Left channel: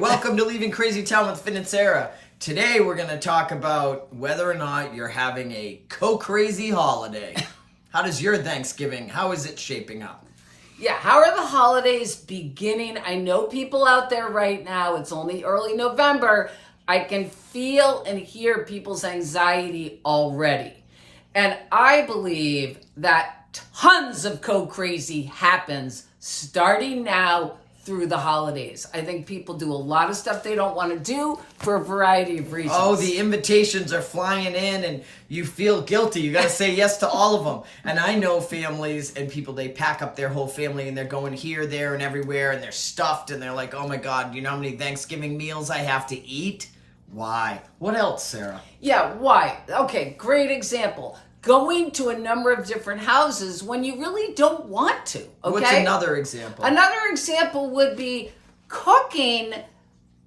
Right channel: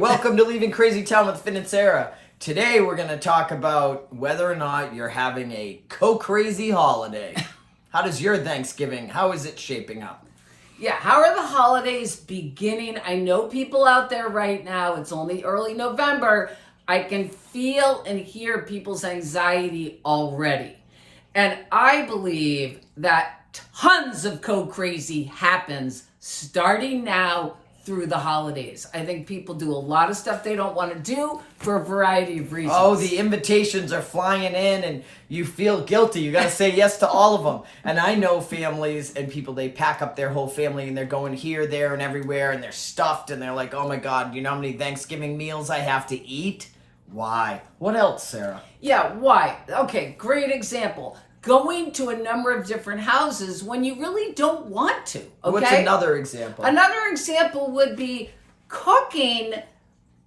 welcome to Leaving Crazy Town with Finn and Sarah. Today we're going to talk about whether or not you're having a co-crazy holiday. How does your Thanksgiving, how is it shaping up? Yeah, how are the holidays beginning? I know people out there right now, it's only early November. I can feel and hear people's anxiety already. And I believe that tons of co-crazy happens starting now through the holidays. I think people do a lot of stuff they don't want to do for a variety of reasons. Oh, the invitations are flying in and you feel guilty. You got to say yes to all of them. And I know families and people, they pack up their whole family and they're going here, there, and everywhere, and they're stuffed and they're like, oh my God, you know how many Thanksgiving meals I have to eat? Why? What else, Sarah? Yeah, why? Okay, great example. Going to a number of different houses when you really don't want to. Okay? What's another example? Another example would be cooking,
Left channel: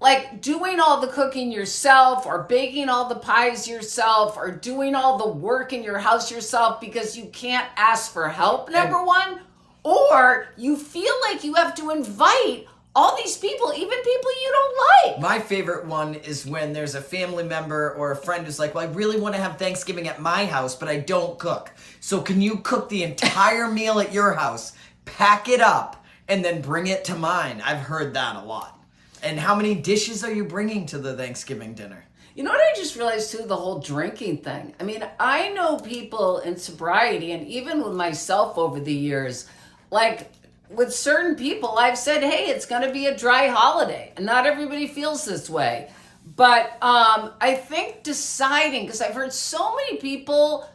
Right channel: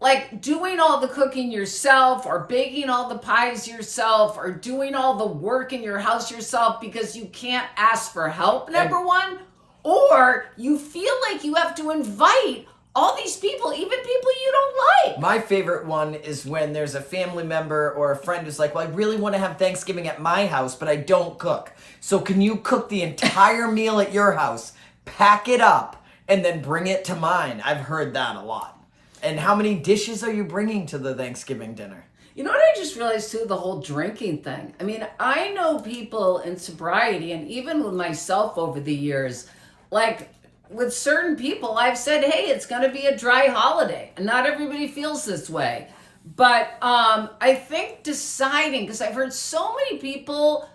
like doing all the cooking yourself or baking all the pies yourself or doing all the work in your house yourself because you can't ask for help, number one, or you feel like you have to invite all these people, even people you don't like. My favorite one is when there's a family member or a friend who's like, well, I really want to have Thanksgiving at my house, but I don't cook. So can you cook the entire meal at your house, pack it up, and then bring it to mine? I've heard that a lot. And how many dishes are you bringing to the Thanksgiving dinner? You know what I just realized too? The whole drinking thing. I mean, I know people in sobriety and even with myself over the years, like, with certain people, I've said, hey, it's going to be a dry holiday. And not everybody feels this way. But I think deciding, because I've heard so many people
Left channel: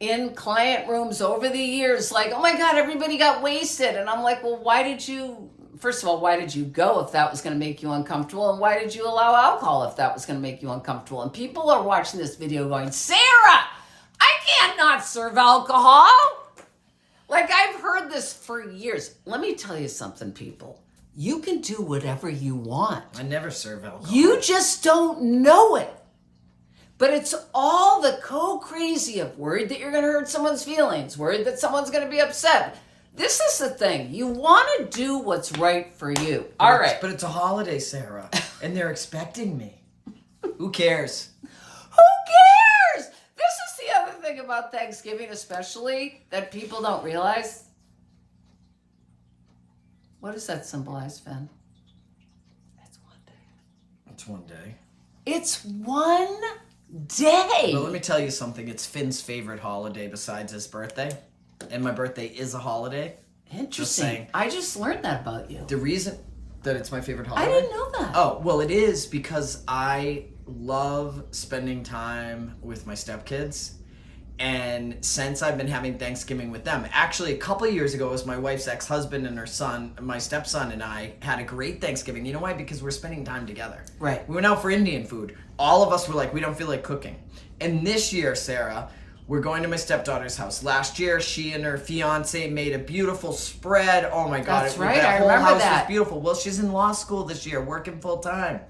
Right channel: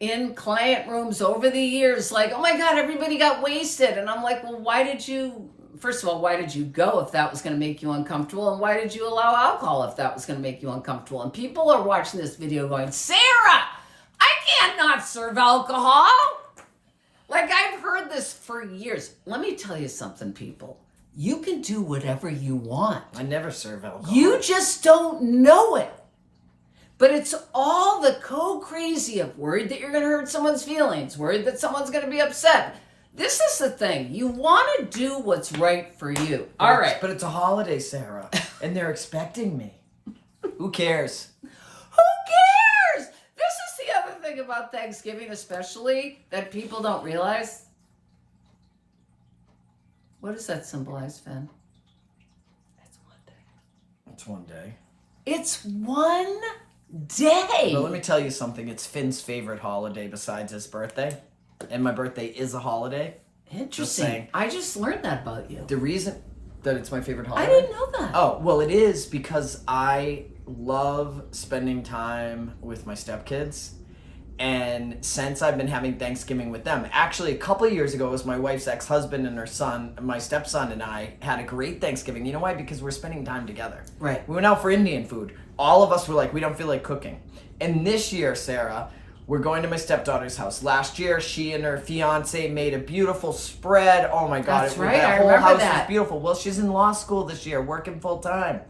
in client rooms over the years, like, oh my God, everybody got wasted. And I'm like, well, first of all, why did you go if that was going to make you uncomfortable? And why did you allow alcohol if that was going to make you uncomfortable? And people are watching this video going, Sarah, I can't not serve alcohol. Like, I've heard this for years. Let me tell you something, people. You can do whatever you want. I never serve alcohol. You just don't know it. But it's all the co-crazy of worried that you're going to hurt someone's feelings, worried that someone's going to be upset. This is the thing. You want to do what's right for you. All right. But it's a holiday, Sarah, and they're expecting me. Who cares? About Thanksgiving especially that people don't realize. What does that symbolize, Finn? It's one day. It's one day. It's one day. But let me tell you something. It's Finn's favorite holiday besides his birthday. And my birthday is a holiday. Interesting. Just saying. I just learned that about you. The reason that it's my favorite holiday? I didn't know that. Oh, well, it is because I love spending time with my stepkids. And since I've been having Thanksgiving with them, actually a couple of years ago, it was my wife's ex-husband and her son, my stepson and I had a great Thanksgiving. You know why? Because we're spending time together. Right. We went out for Indian food. All of us were like, we don't feel like cooking. And this year, Sarah, we're going to my stepdaughter's house. Last year, she and her fiance made a beautiful spread. Oh my God. That's right. That I whole remember house that. was beautiful. Well, she's in law school this year, working full time.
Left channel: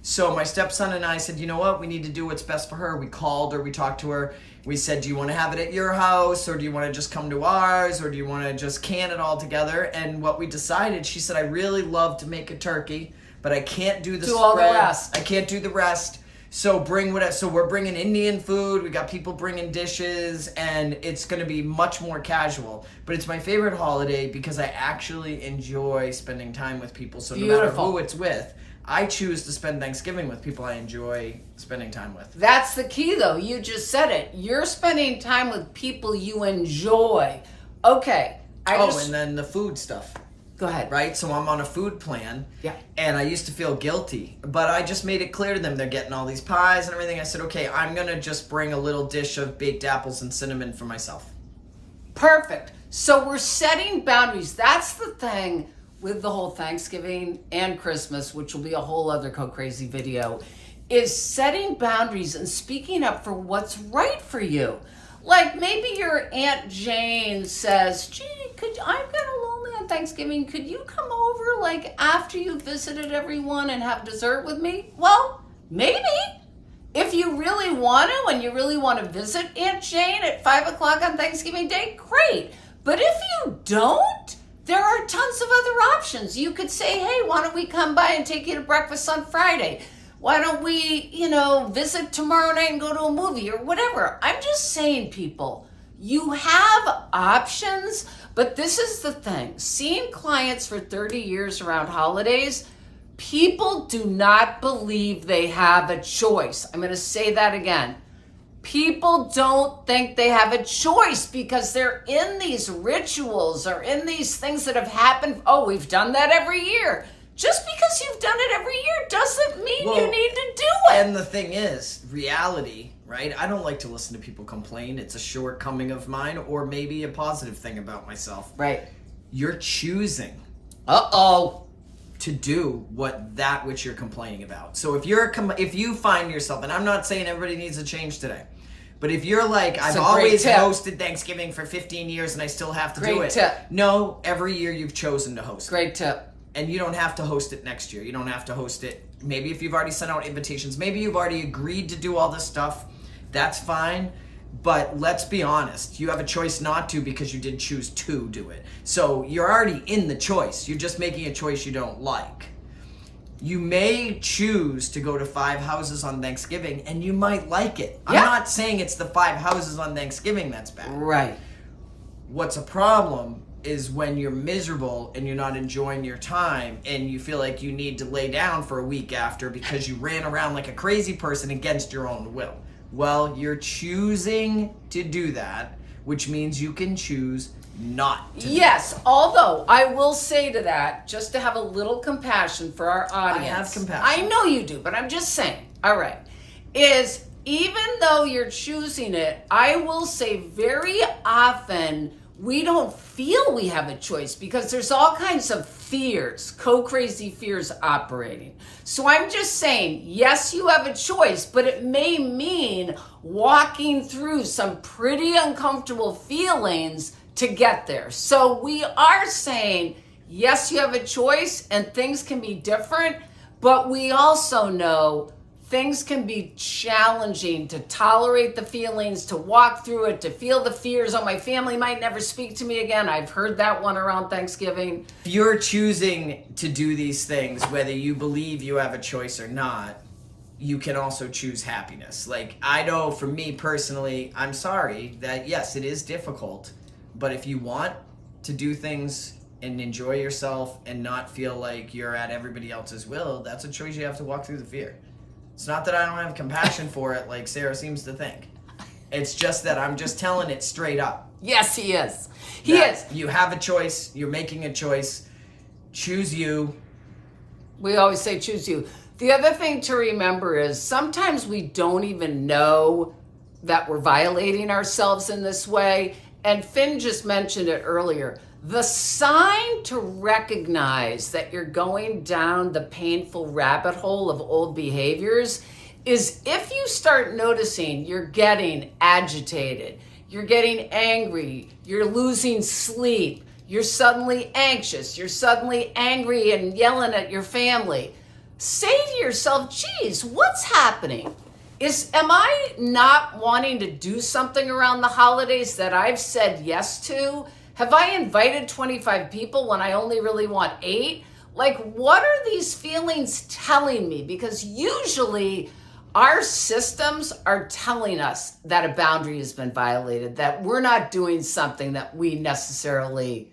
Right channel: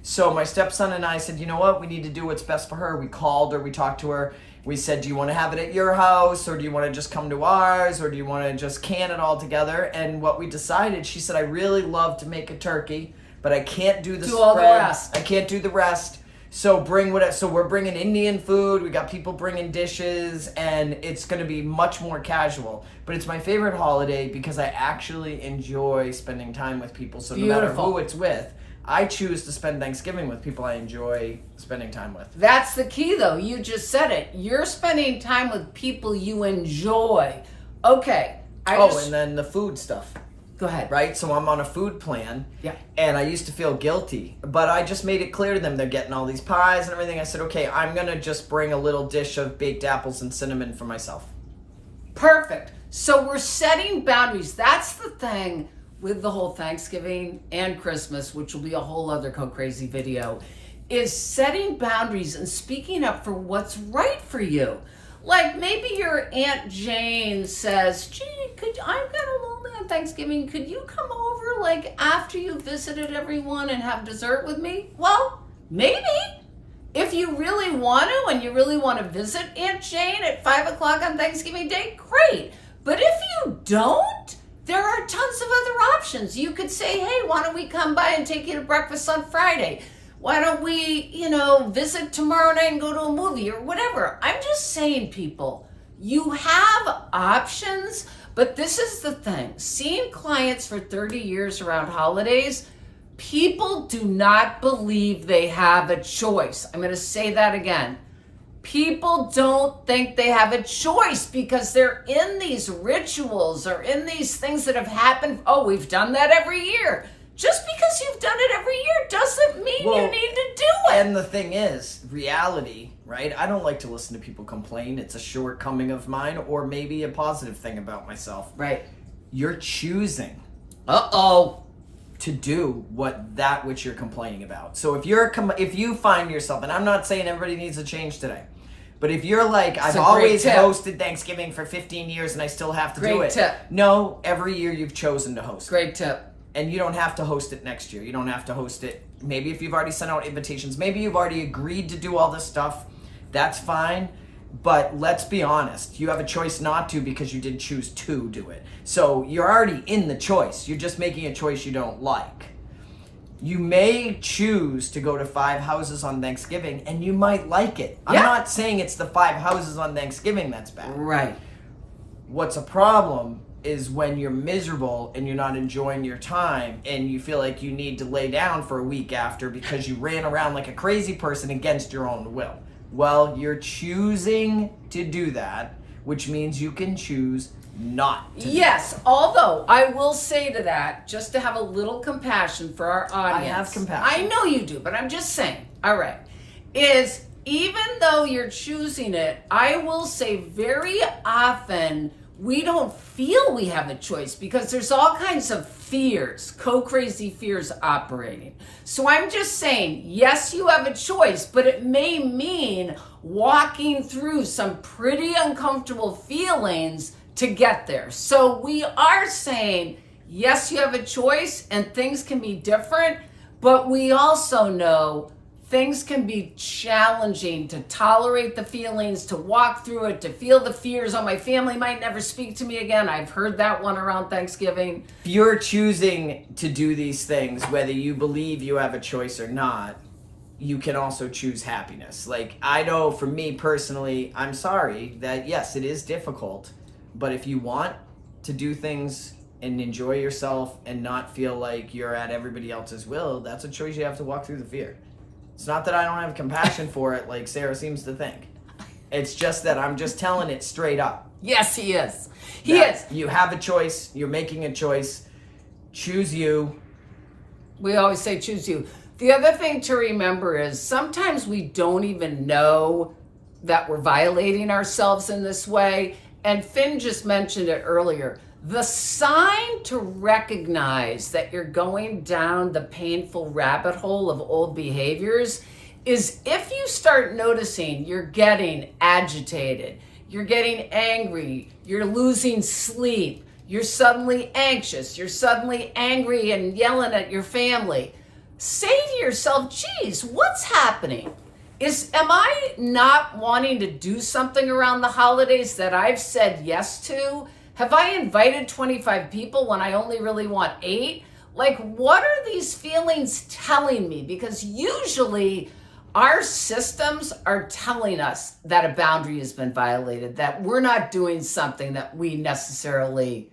So my stepson and I said, you know what? We need to do what's best for her. We called her, we talked to her. We said, do you want to have it at your house or do you want to just come to ours or do you want to just can it all together? And what we decided, she said, I really love to make a turkey, but I can't do the spread. All the rest. I can't do the rest. So we're bringing Indian food. We got people bringing dishes and it's going to be much more casual. But it's my favorite holiday because I actually enjoy spending time with people. So no matter who it's with, I choose to spend Thanksgiving with people I enjoy spending time with. That's the key, though. You just said it. You're spending time with people you enjoy. Okay. And then the food stuff. Go ahead. Right? So I'm on a food plan. Yeah. And I used to feel guilty. But I just made it clear to them they're getting all these pies and everything. I said, okay, I'm going to just bring a little dish of baked apples and cinnamon for myself. Perfect. So we're setting boundaries. That's the thing with the whole Thanksgiving and Christmas, which will be a whole other co-crazy video, is setting boundaries and speaking up for what's right for you. Like maybe your Aunt Jane says, gee, I'm kind of lonely on Thanksgiving. Could you come over like after you visited everyone and have dessert with me? Well, maybe. If you really want to and you really want to visit Aunt Jane at 5 o'clock on Thanksgiving Day, great. But if you don't, There are tons of other options. You could say, hey, why don't we come by and take you to breakfast on Friday? Why don't we, visit tomorrow night and go to a movie or whatever? I'm just saying, people, you have options, but this is the thing. Seeing clients for 30 years around holidays, people do not believe they have a choice. I'm going to say that again. People don't think they have a choice because they're in these rituals or in these things that have happened. Oh, we've done that every year. Just because you've done it every year doesn't mean you need to do it. And the thing is, reality, right? I don't like to listen to people complain. It's a shortcoming of mine, or maybe a positive thing about myself. Right. You're choosing to do which you're complaining about. So if you find yourself, and I'm not saying everybody needs to change today, but if you're like, I've always hosted Thanksgiving for 15 years and I still have to do it. Great tip. No, every year you've chosen to host it. Great tip. And you don't have to host it next year. You don't have to host it. Maybe if you've already sent out invitations, maybe you've already agreed to do all this stuff, that's fine. But let's be honest, you have a choice not to because you did choose to do it. So you're already in the choice. You're just making a choice you don't like. You may choose to go to 5 houses on Thanksgiving and you might like it. I'm not saying it's the 5 houses on Thanksgiving that's bad. Right. What's a problem is when you're miserable and you're not enjoying your time and you feel like you need to lay down for a week after because you ran around like a crazy person against your own will. Well, you're choosing to do that, which means you can choose not to. Yes, although I will say to that, just to have a little compassion for our audience. I have compassion. I know you do, but I'm just saying, all right, is even though you're choosing it, I will say very often we don't feel we have a choice because there's all kinds of fears, co-crazy fears operating. So I'm just saying, yes, you have a choice, but it may mean walking through some pretty uncomfortable feelings to get there. So we are saying, yes, you have a choice and things can be different, but we also know things can be challenging to tolerate the feelings, to walk through it, to feel the fears. Oh, my family might never speak to me again. I've heard that one around Thanksgiving. If you're choosing to do these things, whether you believe you have a choice or not, you can also choose happiness. Like, I know for me personally, I'm sorry that yes, it is difficult, but if you want to do things and enjoy yourself and not feel like you're at everybody else's will, that's a choice you have to walk through the fear. It's not that I don't have compassion for it like Sarah seems to think. It's just that I'm just telling it straight up. Yes, he is. He is. You have a choice. You're making a choice. Choose you. We always say choose you. The other thing to remember is sometimes we don't even know that we're violating ourselves in this way. And Finn just mentioned it earlier. The sign to recognize that you're going down the painful rabbit hole of old behaviors is if you start noticing you're getting agitated, you're getting angry, you're losing sleep, you're suddenly anxious, you're suddenly angry and yelling at your family. Say to yourself, geez, what's happening? Am I not wanting to do something around the holidays that I've said yes to? Have I invited 25 people when I only really want 8? Like, what are these feelings telling me? Because usually our systems are telling us that a boundary has been violated, that we're not doing something that we necessarily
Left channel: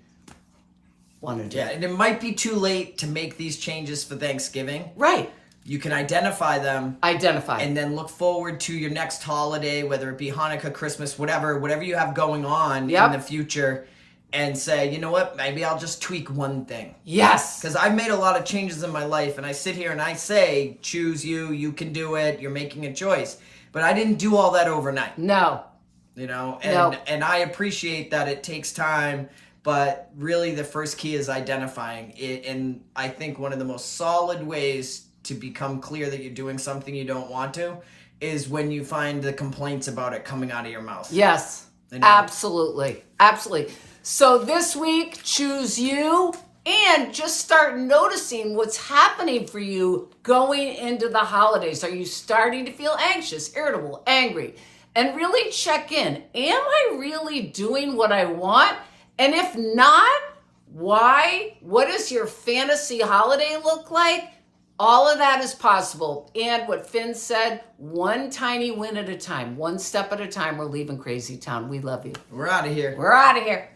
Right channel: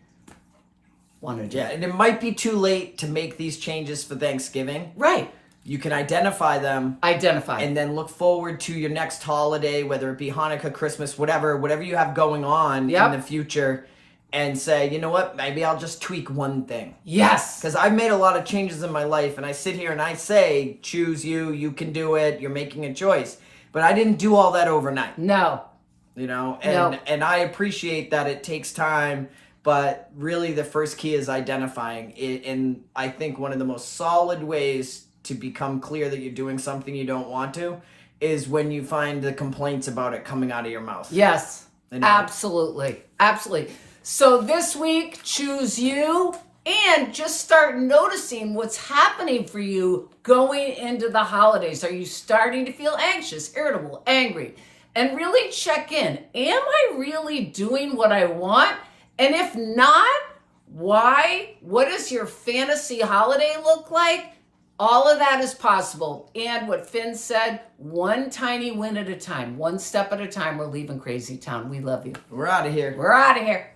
want to do. Yeah, and it might be too late to make these changes for Thanksgiving. Right. You can identify them. And then look forward to your next holiday, whether it be Hanukkah, Christmas, whatever you have going on in the future. And say, you know what, maybe I'll just tweak one thing. Yes. Because I've made a lot of changes in my life, and I sit here and I say, choose you, you can do it, you're making a choice. But I didn't do all that overnight. No. You know, and I appreciate that it takes time, but really the first key is identifying it. And I think one of the most solid ways to become clear that you're doing something you don't want to is when you find the complaints about it coming out of your mouth. Yes, absolutely. Absolutely. So this week, choose you and just start noticing what's happening for you going into the holidays. Are you starting to feel anxious, irritable, angry? And really check in. Am I really doing what I want? And if not, Why? What does your fantasy holiday look like? All of that is possible. And what Finn said, one tiny win at a time, one step at a time, we're leaving Crazy Town. We love you. We're out of here. We're out of here.